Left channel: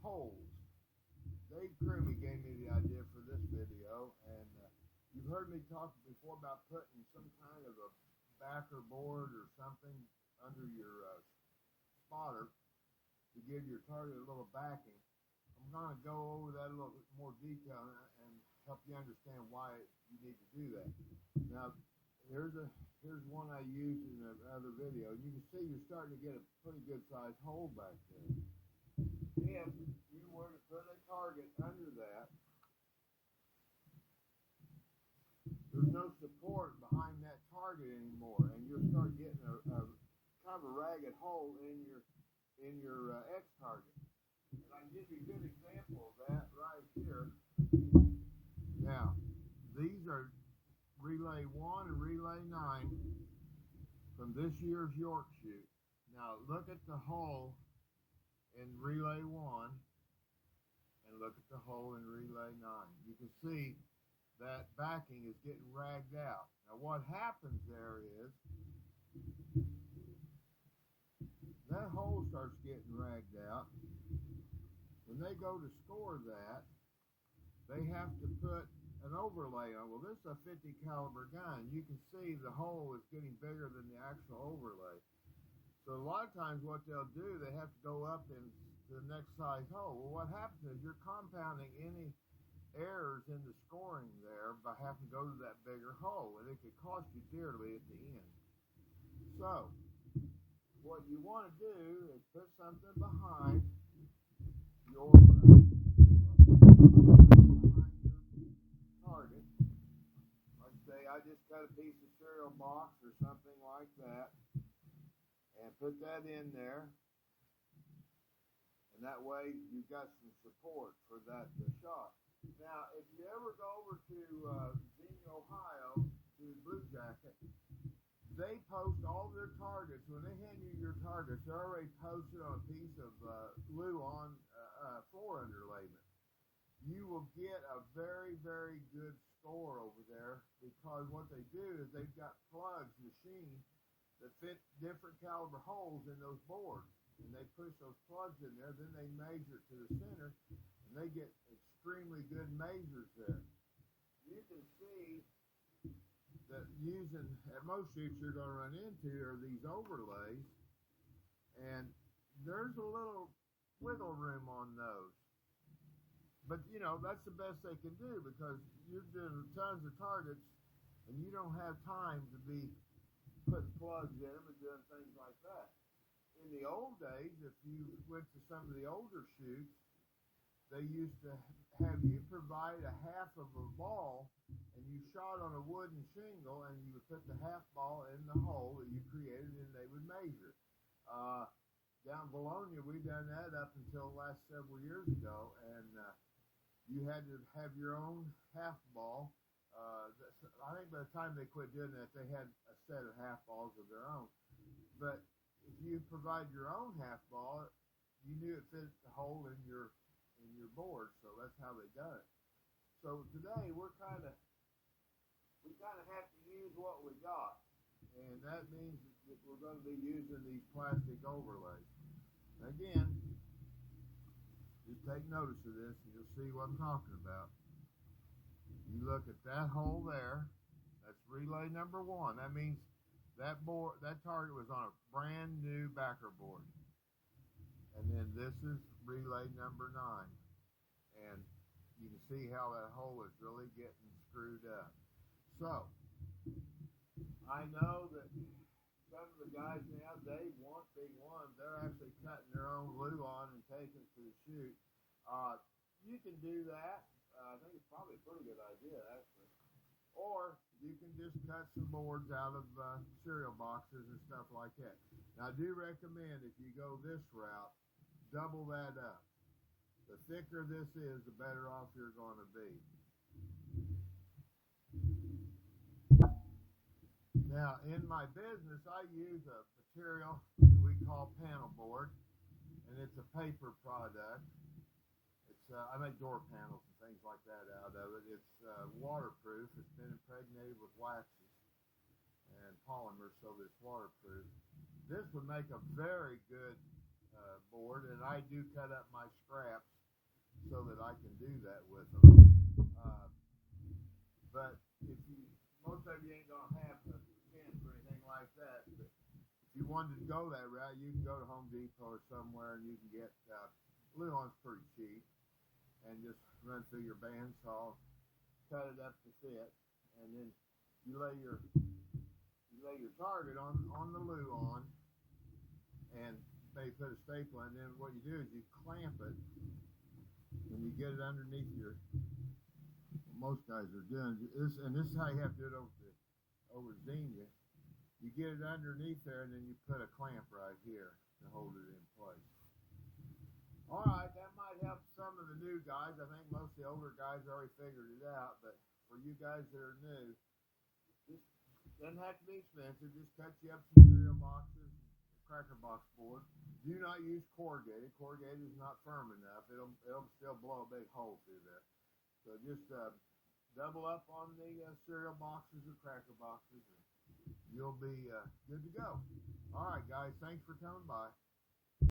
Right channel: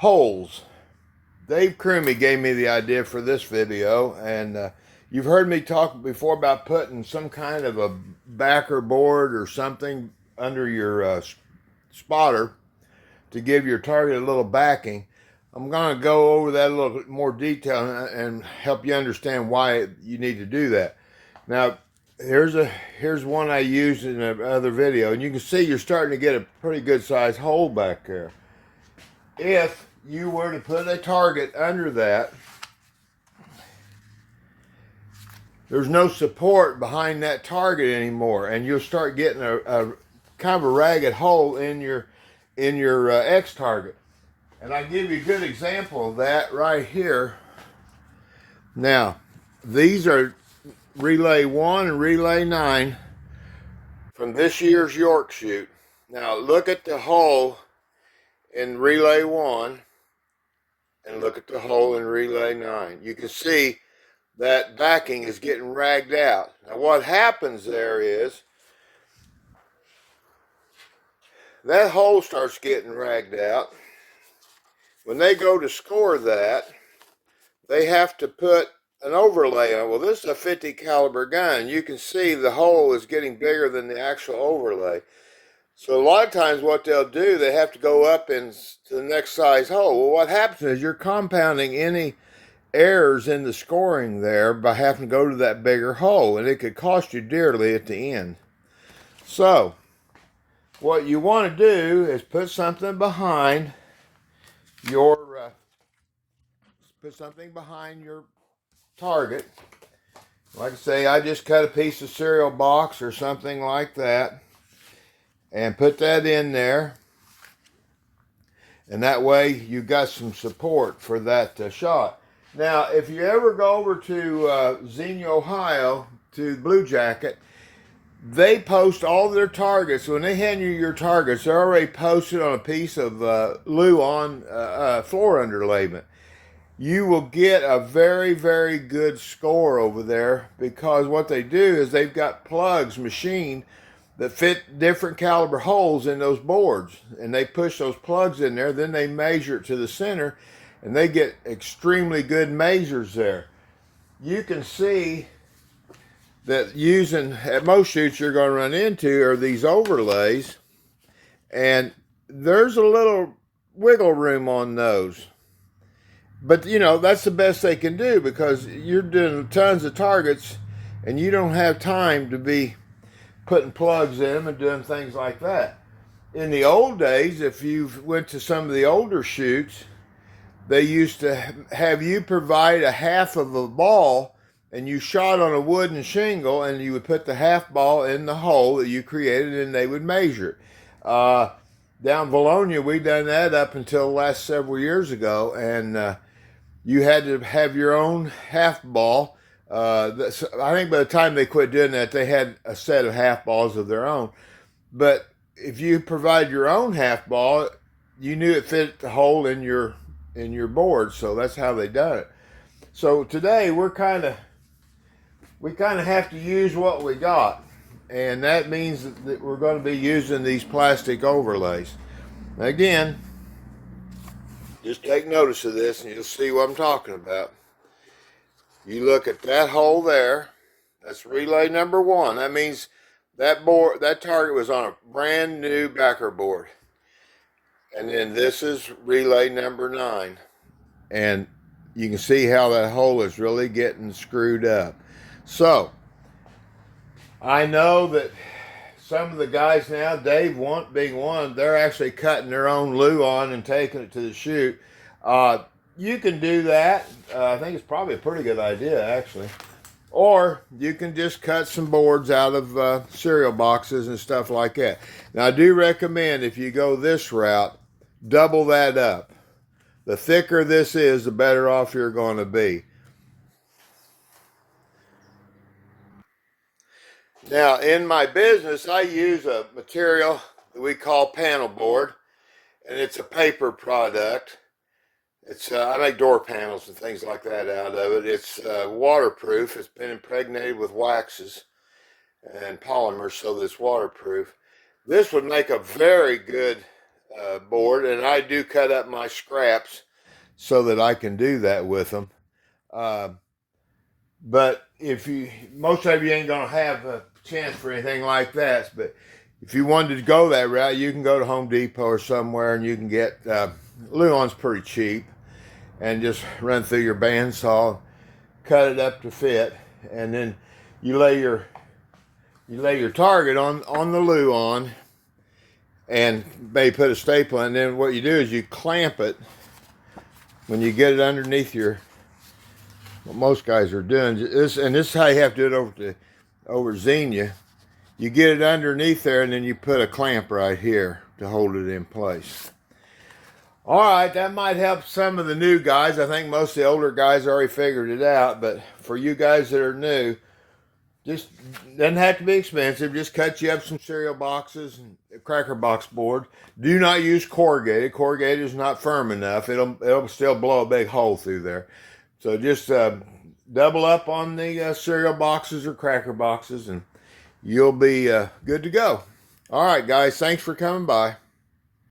Holes. Dave Crumey gave me the idea for this video, and you've heard me talk before about putting some kind of a backer board or something under your spotter to give your target a little backing. I'm going to go over that a little bit more detail and help you understand why you need to do that. Now, here's one I used in another video, and you can see you're starting to get a pretty good sized hole back there. If you were to put a target under that, there's no support behind that target anymore, and you'll start getting a kind of a ragged hole in your X target. And I give you a good example of that right here. Now, these are Relay 1 and Relay 9 from this year's York shoot. Now, look at the hole in Relay 1 and look at the hole in Relay 9. You can see that backing is getting ragged out. Now, what happens there is that hole starts getting ragged out. When they go to score that, they have to put an overlay on. Well, this is a 50 caliber gun. You can see the hole is getting bigger than the actual overlay. So a lot of times what they'll do, they have to go up into the next size hole. Well, what happens is you're compounding any errors in the scoring there by having to go to that bigger hole, and it could cost you dearly at the end. So what you want to do is put something behind your target. Like I say, I just cut a piece of cereal box or something like that and put that in there, and that way you got some support for that shot. Now, if you ever go over to Xenia, Ohio, to Blue Jacket, they post all their targets. When they hand you your targets, they're already posted on a piece of Luan floor underlayment. You will get a very, very good score over there, because what they do is they've got plugs machined that fit different caliber holes in those boards, and they push those plugs in there, then they measure it to the center, and they get extremely good measures there. You can see that using, at most shoots you're going to run into are these overlays, and there's a little wiggle room on those. But, you know, that's the best they can do, because you're doing tons of targets and you don't have time to be putting plugs in them and doing things like that. In the old days, if you went to some of the older shoots, they used to have you provide a half of a ball, and you shot on a wooden shingle, and you would put the half ball in the hole that you created, and they would measure it. Down in Valonia, we done that up until the last several years ago, and you had to have your own half ball. I think by the time they quit doing that, they had a set of half balls of their own. But if you provide your own half ball, you knew it fit the hole in your board, so that's how they done it. So today we kind of have to use what we got, and that means that we're going to be using these plastic overlays. Again, just take notice of this and you'll see what I'm talking about. You look at that hole there, that's relay number 1. That means that target was on a brand new backer board. And then this is relay number 9. And you can see how that hole is really getting screwed up. So, I know that some of the guys now, Dave being one, they're actually cutting their own Luan and taking it to the shoot. You can do that. I think it's probably a pretty good idea, actually. Or you can just cut some boards out of cereal boxes and stuff like that. Now, I do recommend, if you go this route, double that up. The thicker this is, the better off you're going to be. Now, in my business, I use a material that we call panel board, and it's a paper product. I make door panels and things like that out of it. It's waterproof. It's been impregnated with waxes and polymers, so that it's waterproof. This would make a very good board, and I do cut up my scraps so that I can do that with them. But if you, most of you ain't gonna have a chance for anything like that. But if you wanted to go that route, you can go to Home Depot or somewhere, and you can get Luon's pretty cheap, and just run through your bandsaw, cut it up to fit, and then you lay your target on the Luon, and maybe put a staple in. And then what you do is you clamp it when you get it underneath your. What most guys are doing this, and this is how you have to do it over Xenia. You get it underneath there, and then you put a clamp right here to hold it in place. All right, that might help some of the new guys. I think most of the older guys already figured it out, but for you guys that are new, just doesn't have to be expensive. Just cut you up some cereal boxes and a cracker box board. Do not use corrugated. Corrugated is not firm enough. It'll still blow a big hole through there. So just double up on the cereal boxes or cracker boxes, and you'll be good to go. All right, guys, thanks for coming by.